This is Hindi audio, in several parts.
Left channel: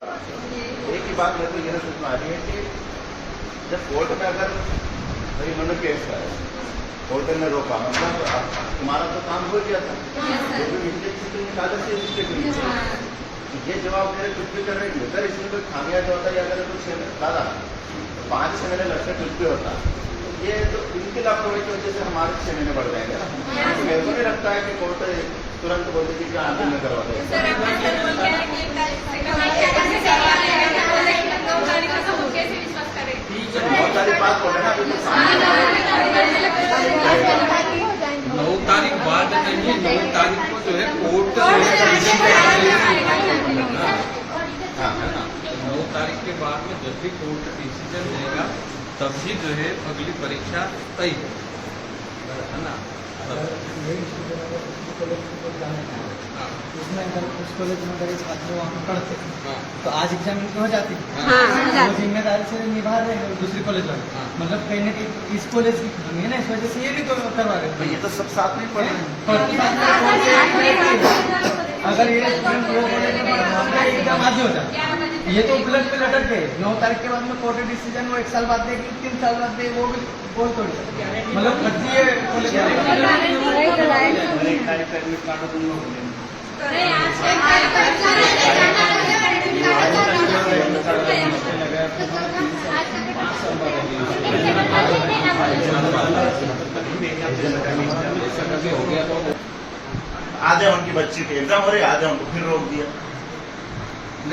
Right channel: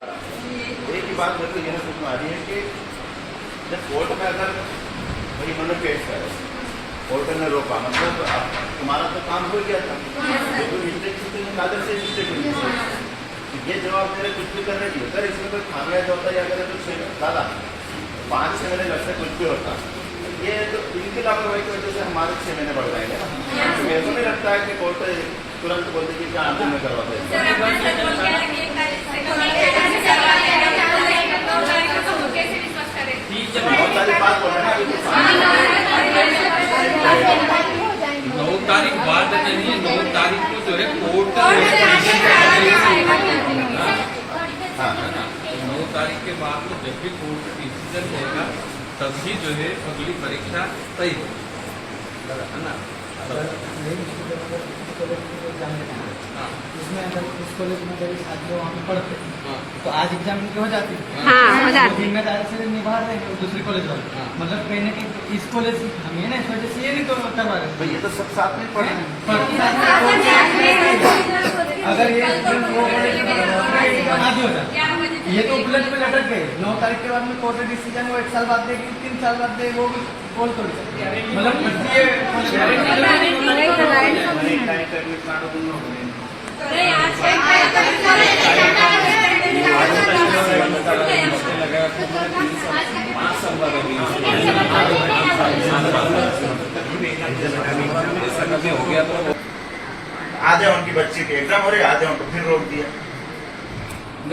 एक ही बात मेरे को यह समझ में आ रही है कि जब कोर्ट में अगर भाई इन्होंने केस करे, कोर्ट ने रोका, मतलब तुम्हारा तो काम हो गया था, कागज से रजिस्ट्रेशन ये जवाब मेरे कुछ भी करने की अगर इसमें कोई खामियाजा होता या अगर कुछ दादा 5-6 महीने लगते कुछ भी होता, ये तो इनकी लापरवाही की वजह से हमारे 6 महीने बढ़ जाएंगे ना। तो मेरे को नहीं लगता है कि कोर्ट तुरंत बोल देगी क्या आंदोलन में करवा दें। बहुत सारी बात बोल रहे हैं अभी कुछ 9 तारीख बाद चलिए, 9 तारीख को जो है कोर्ट का 9 तारीख के बाद में जब भी कोर्ट का डिसीजन रहेगा तब ही जो है अगली परीक्षा तय हो, है ना। इसमें अगर उस कॉलेज में अगर छात्र वहाँ पढ़ते तो आज एग्जाम हो जाती है, वो जिम्मेदारी से निभा रहे हैं दूसरी कॉलेज वाले, मतलब कहीं कि इस कॉलेज की हमें ना इस वजह से ये नहीं करवा रहे। ये तो सब साथ में पढ़े, अगर ये एग्जाम आज हो जाए, ये तो उलट पे लटक गए। 9 तारीख के बाद में कोर्ट डिसीजन वो 1 साल बाद देगी, 3 साल बाद दे, वो भी बोल थोड़ी मतलब आधे उनकी बच्ची के एग्जाम हो रहे, आधे उनको फिर रोक दिया।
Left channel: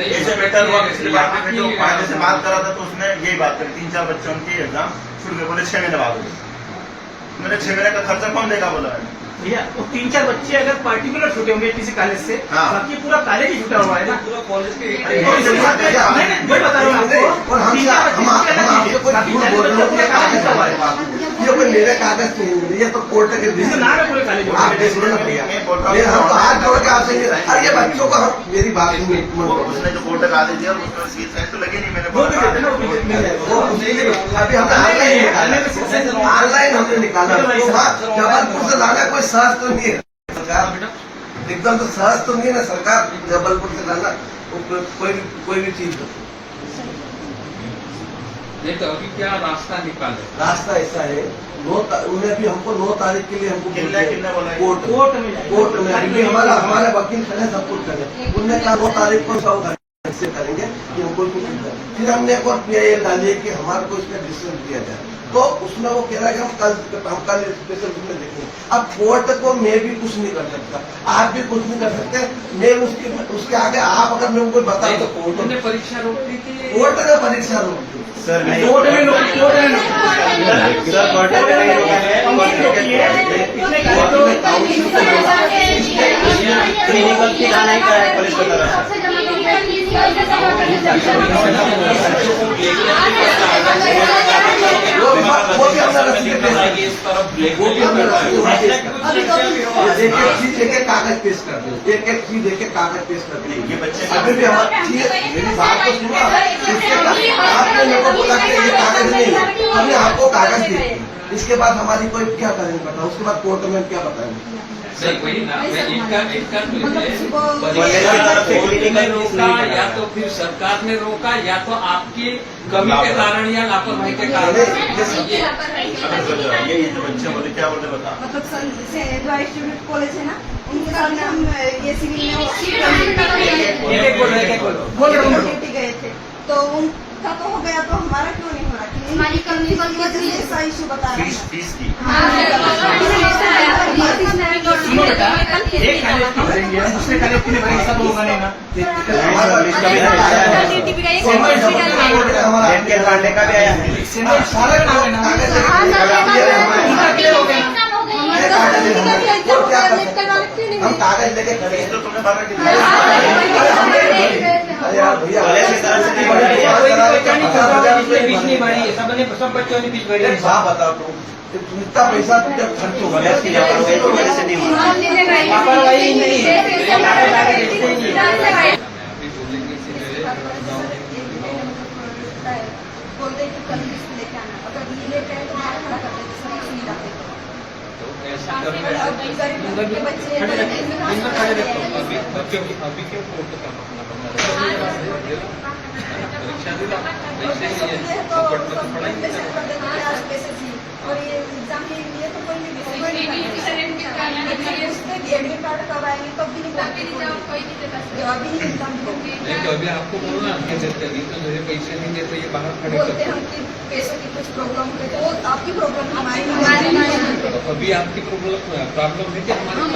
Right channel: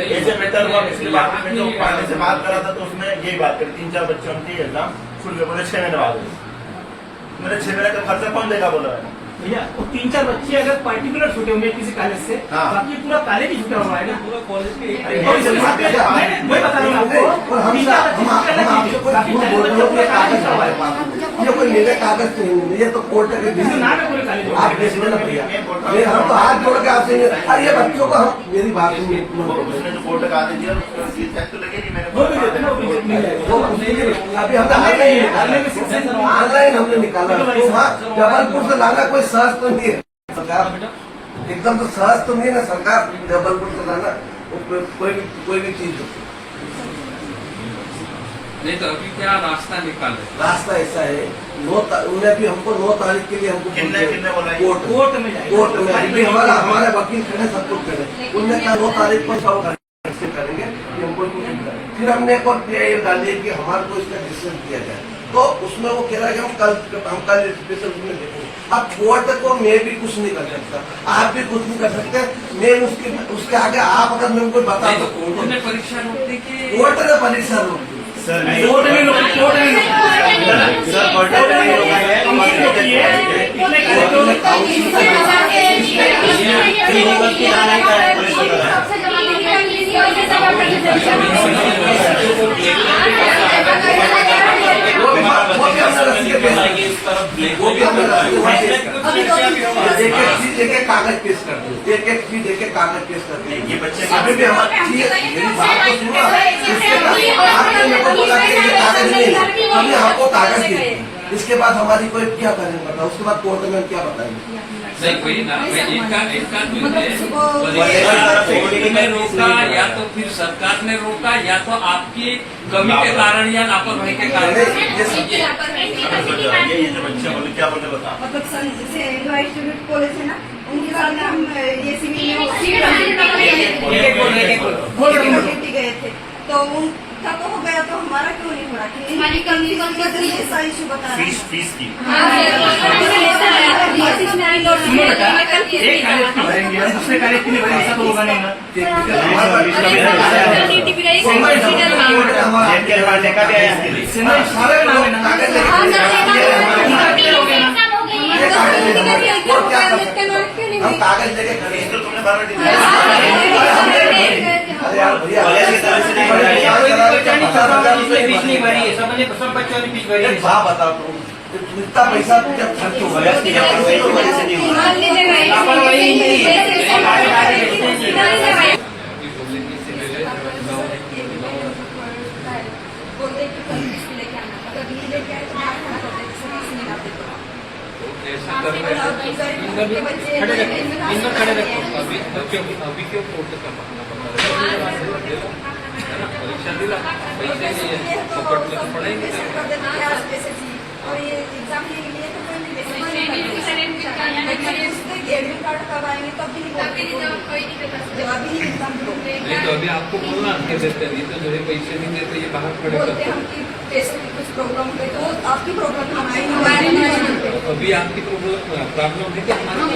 ऐसे बेटर हुआ पिछली बार में जो फायदे से बात करा था तो उसने यही बात करी, 3-4 बच्चे उनके एग्जाम छूट गए, बोले 6 महीने बाद। मैंने 6 महीने का खर्चा कौन देगा बोला है भैया। वो 3-4 बच्चे अगर पार्टिकुलर छूटे होंगे किसी कॉलेज से, बाकी पूरा कॉलेज ही छूटा हुआ है ना, पूरा कॉलेज के वही बता रहा हूँ। और हम आपसे कोई झूठ बोल रहे होते कागज हमारे पास, ये कोई मेरे कागज नहीं, ये तो कोर्ट के नाम है पूरे कॉलेज। आप देखिए ना भैया, हम तो हाथ जोड़ के आपसे अरे ये बच्चों का मेरी बात उसने जो कोर्ट का आदेश दिया उसको फीस तो लगे नहीं, मैंने वो पूछेंगे। अभी हमने ऑनलाइन हमने निकाला, जबलपुर से लाना कोई सहज तो नहीं है सरकार, एकदम तो सहज तो नहीं है ना सरकार, जबलपुर से लाना कोई भी चीज नहीं तो अभी क्या रास्ता निकाले। रास्ता ऐसा है, उन्हें भी हमको 9 तारीख के लिए हमको कोर्ट में अभी हमारे वकील खड़े सब कुछ करें, उनने कहा 9 तारीख को सब करेंगे कि हमको कुछ नहीं करें। फिर हमने एक और PIL डाली कि हमारे को इसका डिसीजन दिया जाए, तो उसमें वो कह रहा है कि हम कल स्पेशल में देखेंगे। अब कोर्ट को मैं भी कुछ नहीं कर सकता, आप भी कुछ नहीं कर सकते, मैं उसके आगे आप अगर मैं उनको बता तो कोर्ट ने परीक्षा रोकने की, कोर्ट ने परीक्षा रोक दी। एक कागज पेश कर दो, एक चीज एक कागज पेश कर दो। ये बच्चे अभी भी मेरी बात तो सुनो, आपने मेरे को बोला कि ये कागज नहीं है, हमने आपको कागज दिए, इसके बाद हमारी कोई क्या करेंगे बताओ, उसके बाद कोर्ट में क्या बताएंगे। नहीं वही ना, इनका कोर्ट ने रोका या तो फिर सरकार ने रोका या तो आपकी कमी के कारण या लापरवाही के कारण। ये जो बच्चे बोले क्या बोलते बता, मतलब कॉलेज है ना, उनके सामने हम ये सिविल गए थे, तो उनका तो हो गया, तो हमारा क्यों नहीं हो रहा? हमारी कमी ऐसा इशू बता रहे हैं फीस की दूसरे कार्य के लिए ऐसा तो होगा नहीं ना। हम कागज लेके खड़े हैं, तो तुमने सब बच्चों ने 20 भरी। बताओ तुम इतना पैसा जब खर्च हो गया बोलते कि कल लेके आना, अगर नहीं लेके आए तो मार खड़ा कर देते, सभी सुनी बातें अभी क्यों कोर्ट का मामला बना रहे हैं? कब आएंगे तब भी नहीं बोलते, जवाब भी नहीं मिलता हमको। ये तो अभी आपको बोलना नहीं देते, नहीं तो जो है पैसे नहीं देते, ये बाहर खड़े बोलते करते हम कि पैसों की कुछ प्रॉब्लम हुई तो वो आपकी प्रॉब्लम हमारी तो अभी आपकी प्रॉब्लम है कि हमारी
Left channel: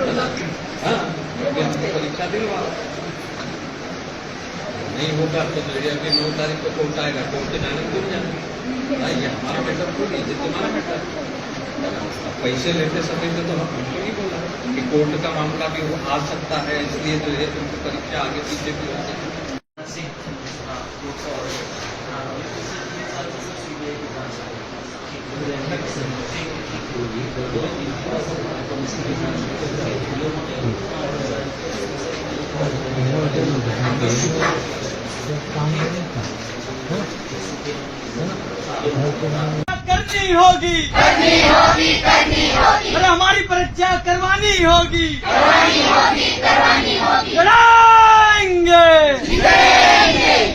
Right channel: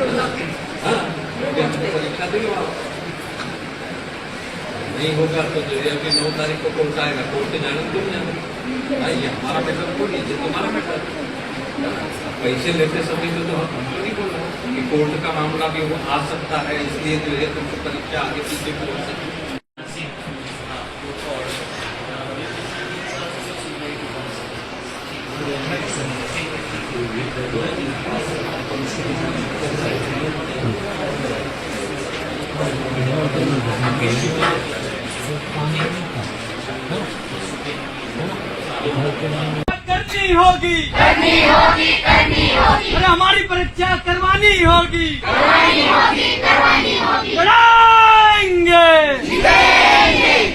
प्रॉब्लम? हाँ, अभी हमने परीक्षा दी वहाँ नहीं होगा तो जो है अभी 9 तारीख को कोर्ट आएगा, कोर्ट के जाने को भाई ये हमारा पैसा थोड़ी है, तुम्हारा पैसा। पैसे लेते समय में तो हमको नहीं बोला कि कोर्ट का मामला भी वो आ सकता है, इसलिए जो है तुमको परीक्षा आगे पीछे भी हो सकती है। करनी होगी, अरे हमारी परीक्षा करवानी होगी, लड़ाएंगे,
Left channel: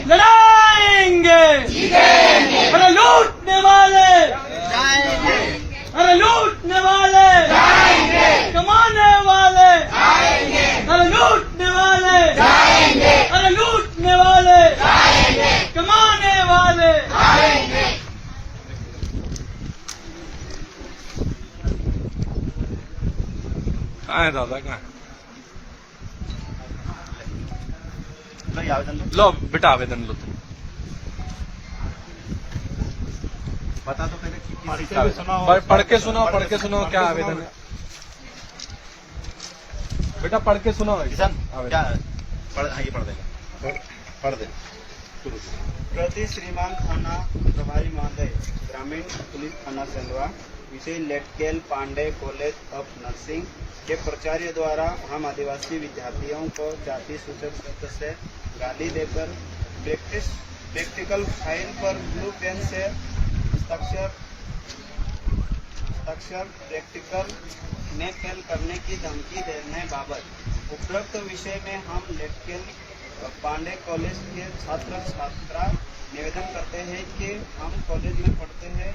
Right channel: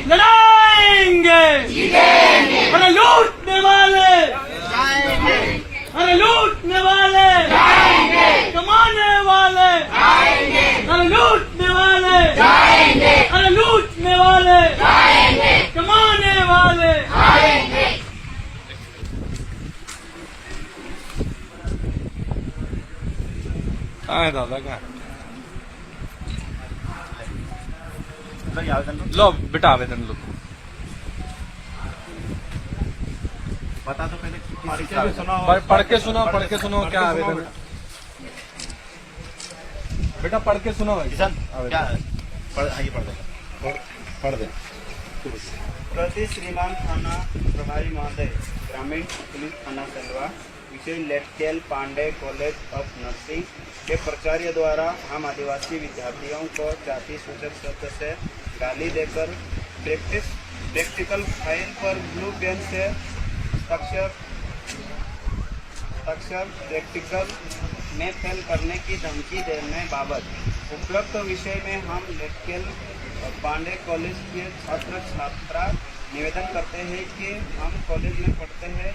लड़ाएंगे, अरे लूटने वाले, अरे लूटने वाले, कमाने वाले, अरे लूटने वाले, अरे लूटने वाले, कमाने वाले। काय दादा काय आवेदन लो बेटा आवेदन लो। बता दो पहले किस चीज़ का आवेदन? पढ़ के सुनो क्या आवेदन है बेटा, पढ़ के सुनो। किसान क्या पढ़ दे पढ़ दे। प्रति श्रीमान थाना प्रभारी महोदय, ग्रामीण पुलिस थाना सलवा, विषय लेटकेल पांडे कॉलेज ऑफ नर्सिंग के प्राचार्य द्वारा हम आदिवासी विद्यार्थियों को जाति सूचक शब्द से गाली देकर प्रैक्टिकल फाइल पर ब्लू पेन से हस्ताक्षर प्रैक्टिकल में फेल करने की धमकी देने बाबत उपरोक्त विषय में हम लेटकेल पांडे कॉलेज के छात्र छात्रा निवेदन करते हैं कि हम कॉलेज में पढ़ते हैं,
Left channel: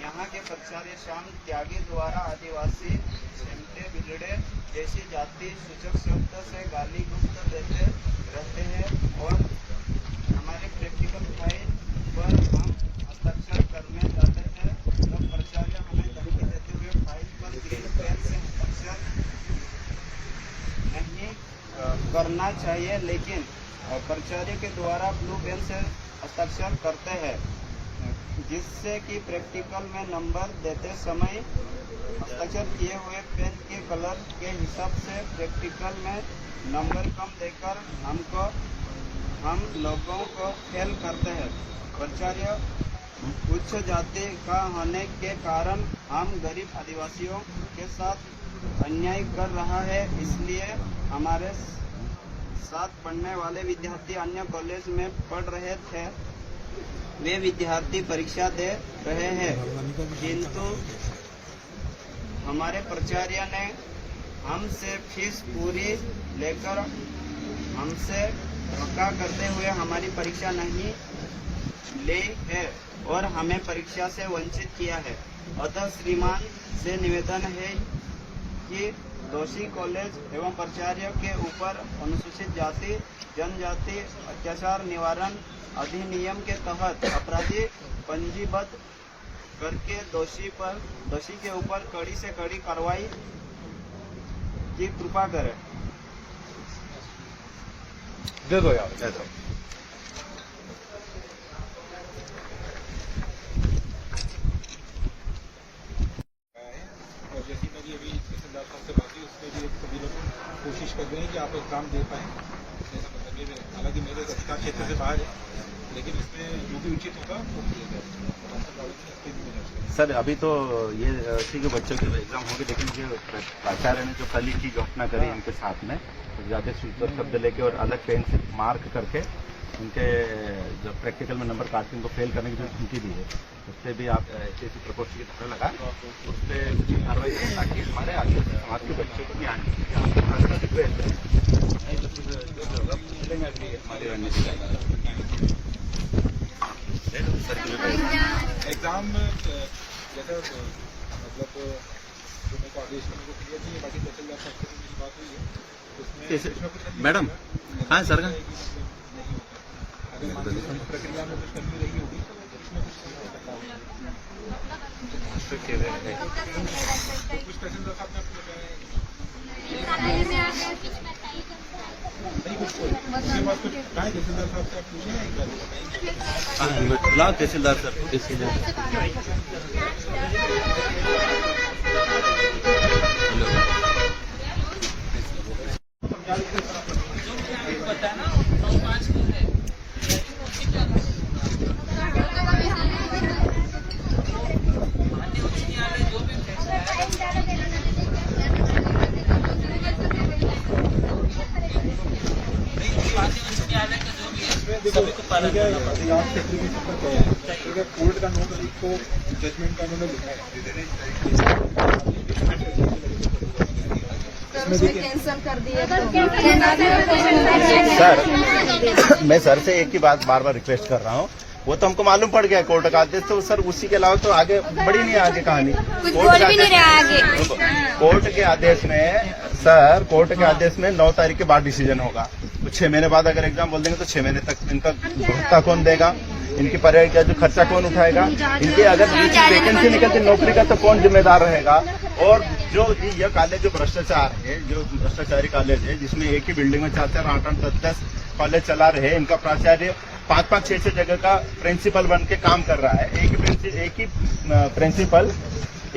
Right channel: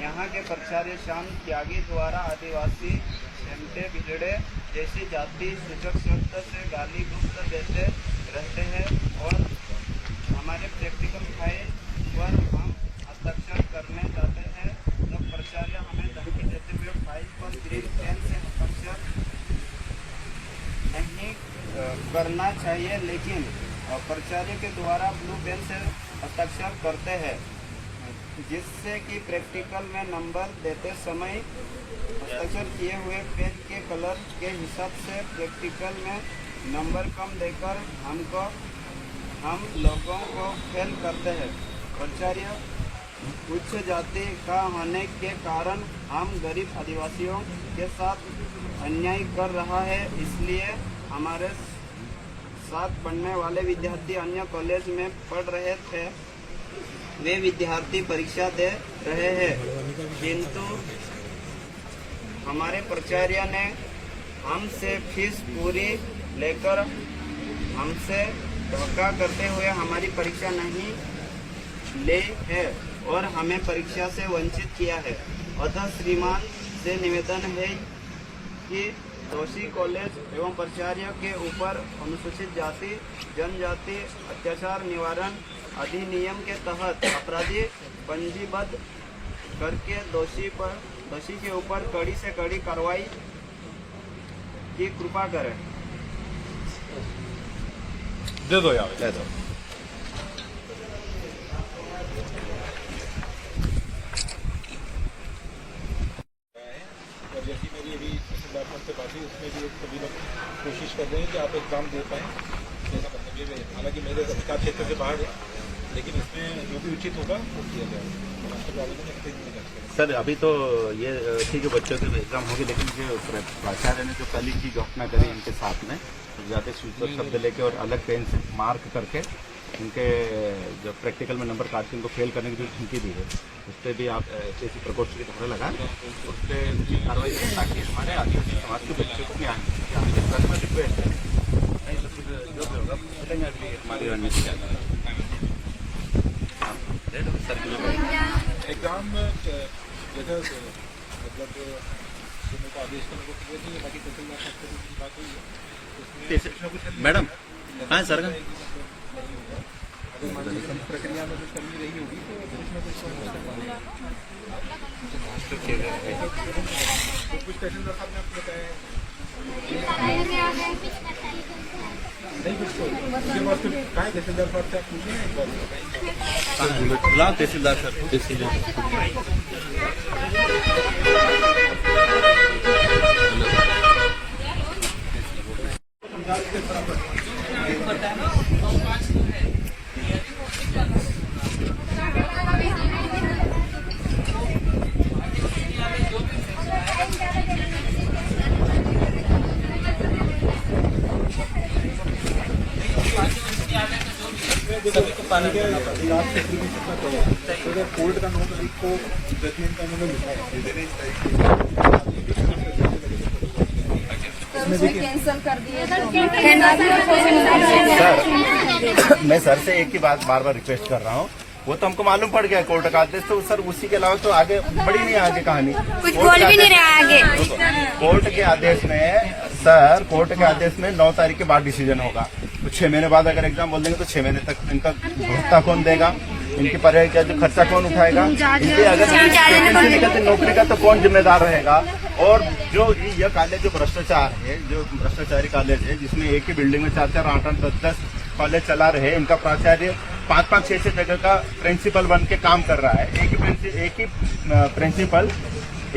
यहाँ के प्राचार्य श्याम त्यागी द्वारा आदिवासी सेमटे बिगड़े जैसी जाति सूचक शब्द से गाली गुप्त देते रहते हैं और हमारे प्रैक्टिकल फाइल पर हम हस्ताक्षर करने जाते हैं तो प्राचार्य हमें धमकी देते हुए फाइल पर ग्रीन पेन से हस्ताक्षर नहीं करना चाहिए, लेकिन प्राचार्य के द्वारा ब्लू पेन से हस्ताक्षर करते हैं, जिससे कि प्रैक्टिकल में नंबर देते समय हस्ताक्षर किए हुए पेन के कलर के हिसाब से प्रैक्टिकल में नंबर कम देकर हम लोगों को फेल करते हैं। प्राचार्य उच्च जाति का होने के कारण हम गरीब आदिवासियों के साथ अन्याय कर रहा है, इसलिए हमारे साथ पढ़ने वाले विद्यार्थी अन्य कॉलेज में पढ़ रहे थे, वे विद्यार्थी परीक्षा दे रहे हैं, किंतु हमारे प्राचार्य ने हमसे फीस पूरी लेकर हमसे धोखा करते हुए हमारी परीक्षा नहीं ली है और हमें परीक्षा से वंचित किया है। अतः श्रीमान से निवेदन है कि दोषी कॉलेज एवं प्राचार्य के ऊपर अनुसूचित जाति जनजाति अत्याचार निवारण अधिनियम के तहत अपराधी पंजीबद्ध करके दोषी के ऊपर कड़ी से कड़ी कार्रवाई की कृपा करें। दे दो यार, दे दो। और जैसी मेरी अभी तहसीलदार से बात हुई, उसमें भी सभी लोग कोशिश कर रहे हैं कि आप एग्जाम दे पाएँ। ऐसा करने में हालांकि मेरे अधिकार क्षेत्र से बाहर है, लेकिन इसमें जो भी उचित होगा वो किया जाएगा। सर अभी तो ये ठीक है, बच्चों के एग्जाम होगी, लेकिन जो प्राचार्य ने जो कल की जो घटना करी इनके साथ में, तो ज़्यादा सूचक शब्द लेके और अलग पेन से मार्क करके उनके जो प्रैक्टिकल में नंबर काट के उनको फेल करने की जो धमकी दी है, उस पर भी आप ऐसी प्रकोष्ठ की धारा लगा उस पर कार्रवाई करें ताकि हमारे आदिवासी समाज के बच्चों को ध्यान जो भी होगा हमारी रणनीति का एग्जाम जैसा मतलब जो मेरे को आदेश करने को क्लियर नहीं है, बाकी तहसीलदार साहब से भी बात हुई है, उसमें कुछ ना कुछ मैडम, हाँ सर, अगर प्रक्रिया में कुछ कमी रही होगी तो कुछ ना कुछ कर पाएंगे। कुछ तहसीलदार साहब ने आपको बताया नहीं, कुछ उसके बाद फिर कहाँ है तहसीलदार साहब से आप पूछे ना एक बार बताएंगे। तहसीलदार सर, कोर्ट का 9 तारीख को जजमेंट का उन्होंने लिखा कैंसिल कर दिया सर, मैं सर से एक ही बात बार बार रिक्वेस्ट कर रहा हूँ, वो तो हमको मालूम पड़ गया कोर्ट का आदेश, तो सर उसी के अलावा तो आगे बढ़ी नहीं है आगे कहानी। कुछ बोल भी नहीं रहे आगे। कोर्ट के आदेश में सर, कोर्ट के आदेश में 9 तारीख के बाद डिसीजन होगा। तो 6 महीने बाद अगर एग्जाम बोल देंगे तो 6 महीने तक इनका भत्ता कौन देगा, इनकी पढ़ाई का जो खर्चा कौन उठाएगा, इनके अगर वैकेंसी निकलती नौकरी का तो कौन जिम्मेदार रहेगा। और जो यह कॉलेज जो भ्रष्टाचार है, जो भ्रष्टाचारी कॉलेज है, जिसमें एक ही बिल्डिंग में 4-4 8-8 10-10 कॉलेज चला रहे, इनका प्राचार्य 5-5 6-6 जगह का प्रिंसिपल बन के काम कर रहा है। एक ही प्रिंसिपल,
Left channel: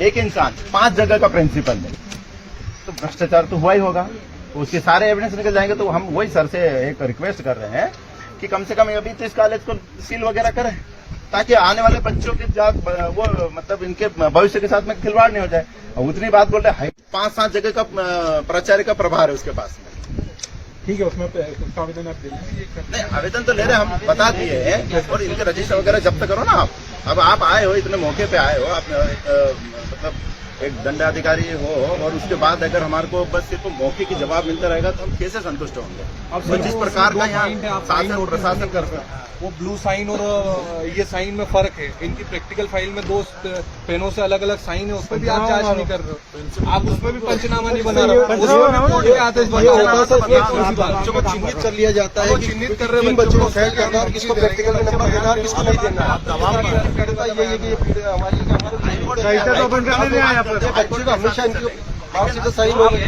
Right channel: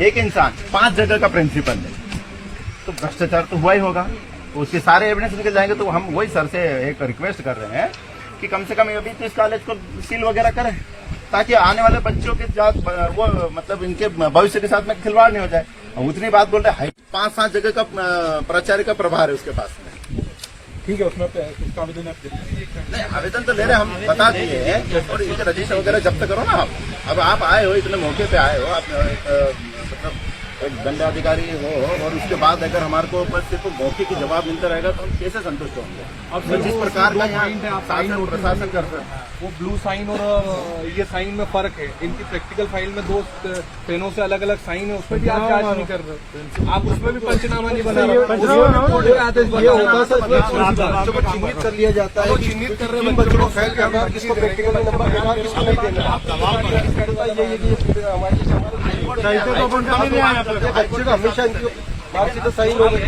एक इंसान 5 जगह का प्रिंसिपल है, तो भ्रष्टाचार तो हुआ ही होगा। तो उसके सारे एविडेंस निकल जाएंगे। तो हम वही सर से एक रिक्वेस्ट कर रहे हैं कि कम से कम अभी तो इस कॉलेज को सील वगैरह करें, ताकि आने वाले बच्चों के साथ वो मतलब इनके भविष्य के साथ में खिलवाड़ नहीं हो जाए। उतनी बात बोल रहे 5-7 जगह का प्राचार्य का प्रभार है उसके पास में। ठीक है, उसमें उसका आवेदन आप दे दीजिए। नहीं, आवेदन तो ले रहे हम बता दिए हैं, और इनके रजिस्टर वगैरह जब्त करो ना आप। अब आप आए हो, इतने मौके पे आए हो, आप मतलब एक दंडाधिकारी हो, और उसके बाद अगर हमारे को बस सिर्फ मौके की जवाब मिलता रहेगा तो हम कैसे संतुष्ट होंगे। और जिस प्रकार का यहाँ शासन प्रशासन करता है, वो ब्लू साइन और ये साइन में फर्क है। इनकी प्रैक्टिकल फाइल में 2 पेनों से अलग अलग साइन है, उसमें भी आप जांच नहीं कर रहे, आप उसमें भी पंचनामा नहीं बना रहे, कोर्ट के आदेश बना रहे। बच्चों को चिन्हित कर लिया जाता है, चिन्हित कर रहे किन बच्चों को फेल करना, किसको प्रैक्टिकल नंबर देना, किसको नहीं देना। बच्चे तो हमेशा इनकी मार्कशीट तो सही हो गई।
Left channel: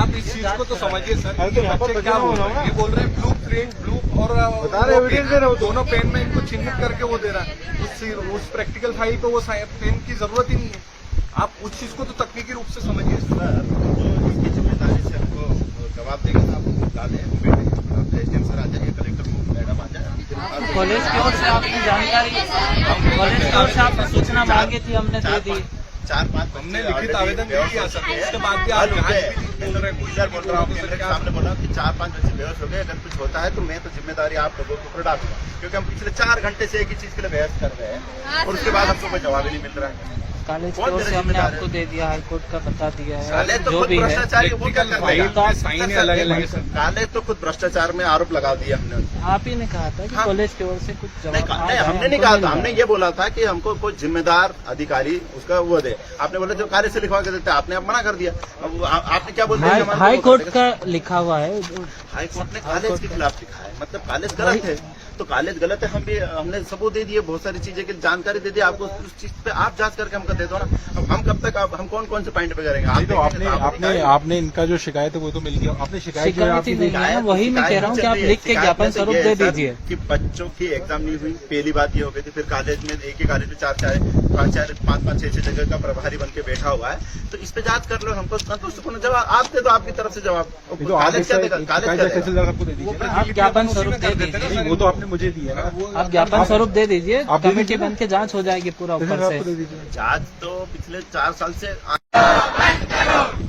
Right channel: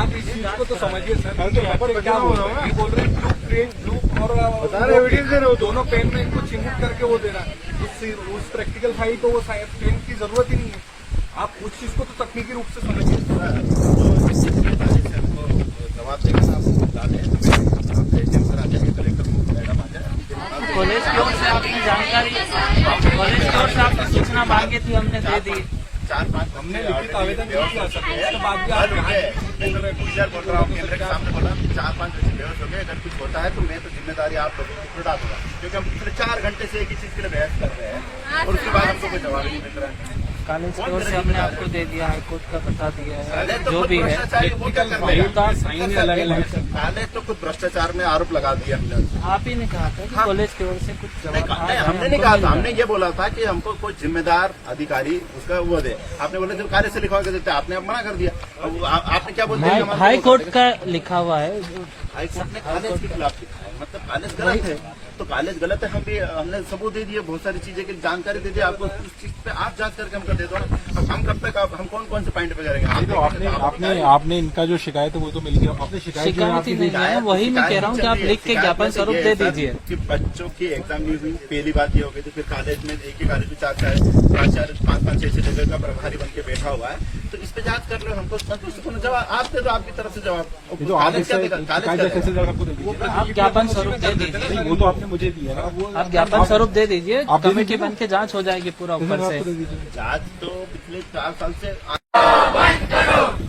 आप इस चीज को तो समझिए सर, बच्चे क्या बोल रहे हैं, ये बोल रहे हैं ब्लू प्रिंट ब्लू और दोनों पेन में इनको चिन्हित करके वो दे रहा है। उस प्रैक्टिकल फाइल को वो पेन की जरूरत ही नहीं है। आप उस चीज को तो तकनीकी रूप से समझिए। जवाब देंगे साहब, कलेक्टर मैडम आ जाए। कॉलेज की ओर से आपकी जानकारी, कॉलेज की ओर से आपने सूचना मांगी थी, हमने दे दी। 4-5 हमने लिखित आवेदन नहीं किया सर, उसके बाद भी आप बोल रहा हूँ, कैमरे के सामने बोला 4-5 बच्चे बेहोश हो गए। अगर कुछ होता है तो मैं तो जिम्मेदारी आप लोगों के ऊपर डालूंगा, क्योंकि हम पिछले 4 घंटे से एक ही चीज के लिए बहस कर रहे हैं, और उसके बाद हमको कोई जवाब ही नहीं मिल रहा है। कॉलेज की ओर से हमने आपको दे दिया, हाईकोर्ट का बता दिया है, तो जो खुद भी है। भ्रष्टाचारी वो क्या कर देगा? साइन अलग अलग है सर। काले तो खुद भ्रष्टाचार में आरोप लगा दिया हमने। आप ही ने कहा था कि कॉलेज की ओर से कुछ नहीं, जवाब नहीं, हमने नहीं कहा था, हमने ये बोला था कि हमको कोई जिम्मेदार अधिकारी उसका वो दे। आपने बोला जो कार्य से लिखवा के देते, आपने अब मना कर दिया। अब आपने क्या बोलते हैं? हाई कोर्ट का लिखा हुआ है, हाई कोर्ट ने कॉलेज के खिलाफ लिखा है, मतलब कॉलेज गलत है तो कॉलेज गलत है। हमने सबूत दे दिए, बहुत सारी चीजें की जानकारी दे दी आपको, उस चीज पे आप जांच करके हमको दे दो ना। अब हम कब तक हम कौन से पॉइंट पे करेंगे? आपने इनका जो शिकायत है वो तो मिल गया, आपने शिकायत ही नहीं है, वही मैं कह रहा हूँ कि आप लिख के ज्ञापन स्वरूप दे दीजिए कि बच्चों की एग्जाम नहीं हुई। पहली बात ये हो गई थी, फिर कॉलेज में एक ही कॉलेज में 4-4 प्राचार्य 5-5 6-6 जगह का प्रभारी बन के बैठा हुआ है, तो इस पे जांच कर लो। हमको संतुष्टपूर्ण जवाब आप दे दो, आपकी तरफ से जवाब। कॉलेज क्या देगा? कॉलेज आप ज्ञापन स्वरूप दे दीजिए, वो तो आपने मुझे दिया ना। आप ज्ञापन स्वरूप दे दीजिए, कमेटी बन के जांच हो जाएगी पूरा ऊपर से। जांच तो पिछले 4 साल से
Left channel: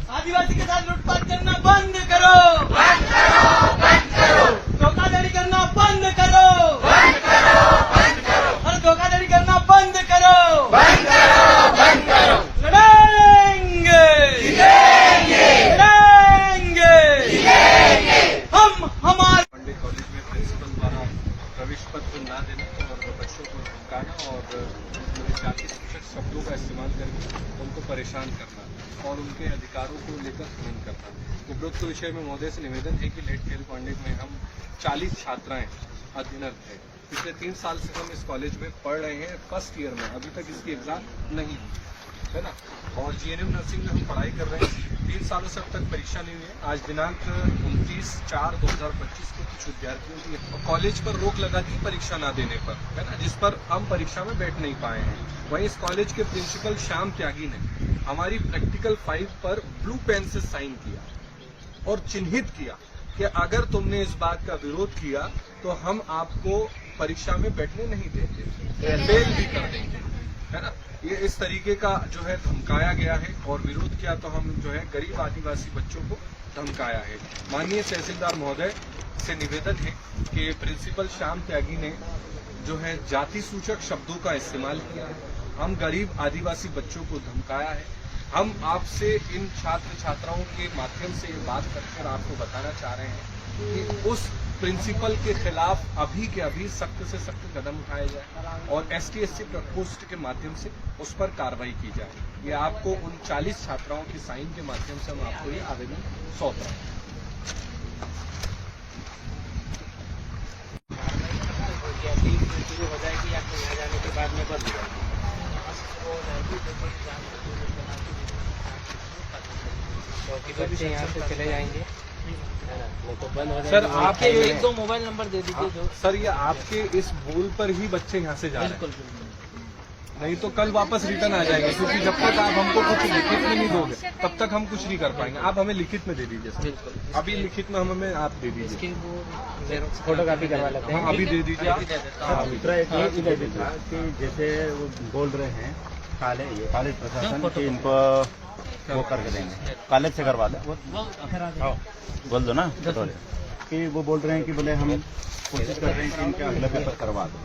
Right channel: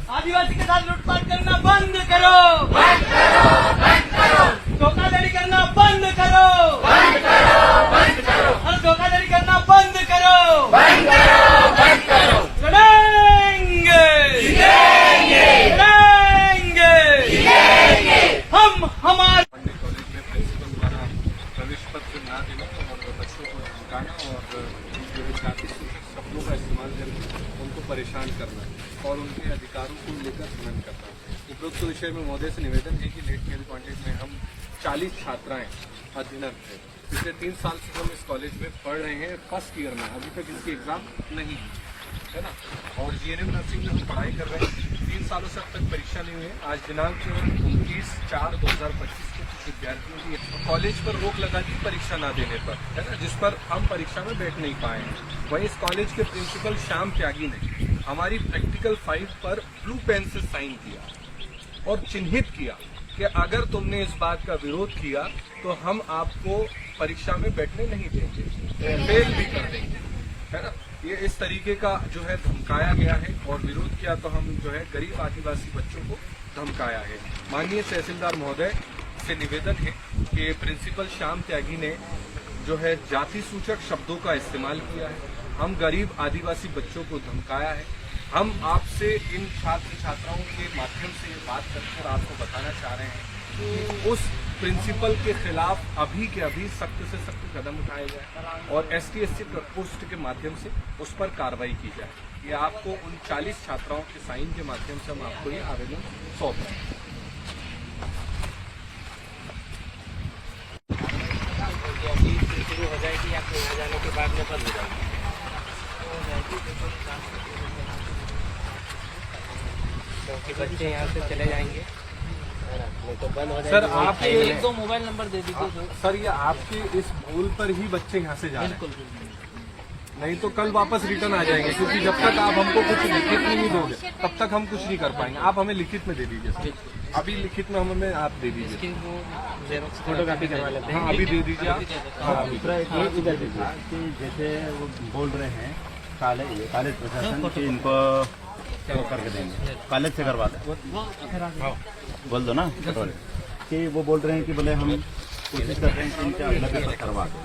आदिवासी के साथ लूटपाट करना बंद करो, धोखाधड़ी करना बंद करो, और धोखाधड़ी करना बंद करो। लड़ेंगे, लड़ेंगे, हम हमारे प्रिंसिपल द्वारा प्रवेश पत्र ना देना और बच्चों को धमकाना और जो विद्यार्थी शिक्षक शब्दों का इस्तेमाल करके उनको परेशान करना। के विषय में महोदय से निवेदन है कि लेट मेल कॉलेज में हम 40 छात्राएं अध्ययनरत थे। पिछले 3 साल से हम इस कॉलेज में पढ़ रहे हैं फर्स्ट ईयर में, अभी तक इसकी एग्जाम नहीं है ना। और जीएनएम नर्सिंग में हम पढ़ाई कर रहे हैं, 3 सालों से अब तक परीक्षा नहीं हुई है। आज दिनांक 29/4/2025 को कुछ विद्यार्थियों की कॉलेज पर रोक लगा दी परीक्षा न देने पर, है ना, जिस पर हम परीक्षा में बैठ नहीं पाए हैं। वहीं इस कॉलेज के प्रिंसिपल श्याम त्यागी ने हमारी प्रैक्टिकल फाइल पर ब्लू पेन से साइन किया और चिन्हित किया कि अगर तुमने इस बात का विरोध किया तो हम आपको परीक्षा में बैठने नहीं देंगे, फेल भी कर देंगे, है ना। ये इस तरीके का जो है धमकाया गया है और विरोध किया तो हम जो है गरीब आदिवासी बच्चों को धमकाया है। माननीय तहसीलदार महोदय से निवेदन है कि प्रिंसिपल श्याम त्यागी ने जो है जाति सूचक शब्दों का इस्तेमाल किया है, हम गरीब आदिवासी बच्चों को धमकाया है। हम आपसे इन छात्र छात्राओं के माध्यम से ये बात कर आपको बताना चाह रहे हैं कि उस प्रिंसिपल के खिलाफ अभी के अभी सख्त से सख्त कदम उठाए जाए और ST/SC प्रकोष्ठ के माध्यम से उस पर कार्रवाई की जाए। ये आपको उन 40 छात्राओं के साइन के माध्यम से हम आपको ये आवेदन सौंप रहे हैं। हो जाएगी या आ जाने के बाद में कर दी जाएगी। बच्चे यहाँ से चले जाएंगे तो बंद हो सर आप 1-2 मोबाइल नंबर दे दीजिए जो। सर ये आपके इस बोल पर ही बच्चे यहाँ से जा रहे हैं, नहीं तो कल वापस रिटर्न आ जाएंगे, क्योंकि जब तक आप हमको कुछ लिखित में नहीं दोगे तब तक हम कुछ नहीं कर पाएंगे। आप हमें लिखित में दे दीजिए सर, अभी लिखित में हमें आप दे दीजिए, फोटोकॉपी करवा लेते हैं। हाँ अभी दे दीजिए। दूसरा एक ये देखा कि जैसे वो बोल रहे हैं कॉलेज प्रशासन कि इनको वो करके देंगे, कॉलेज से करवा दे, बोल दो ना पटोले कि वो बोल रहे हैं कि बोले हम कोशिश कर रहे हैं कि इनके अगला पेपर करवा दें।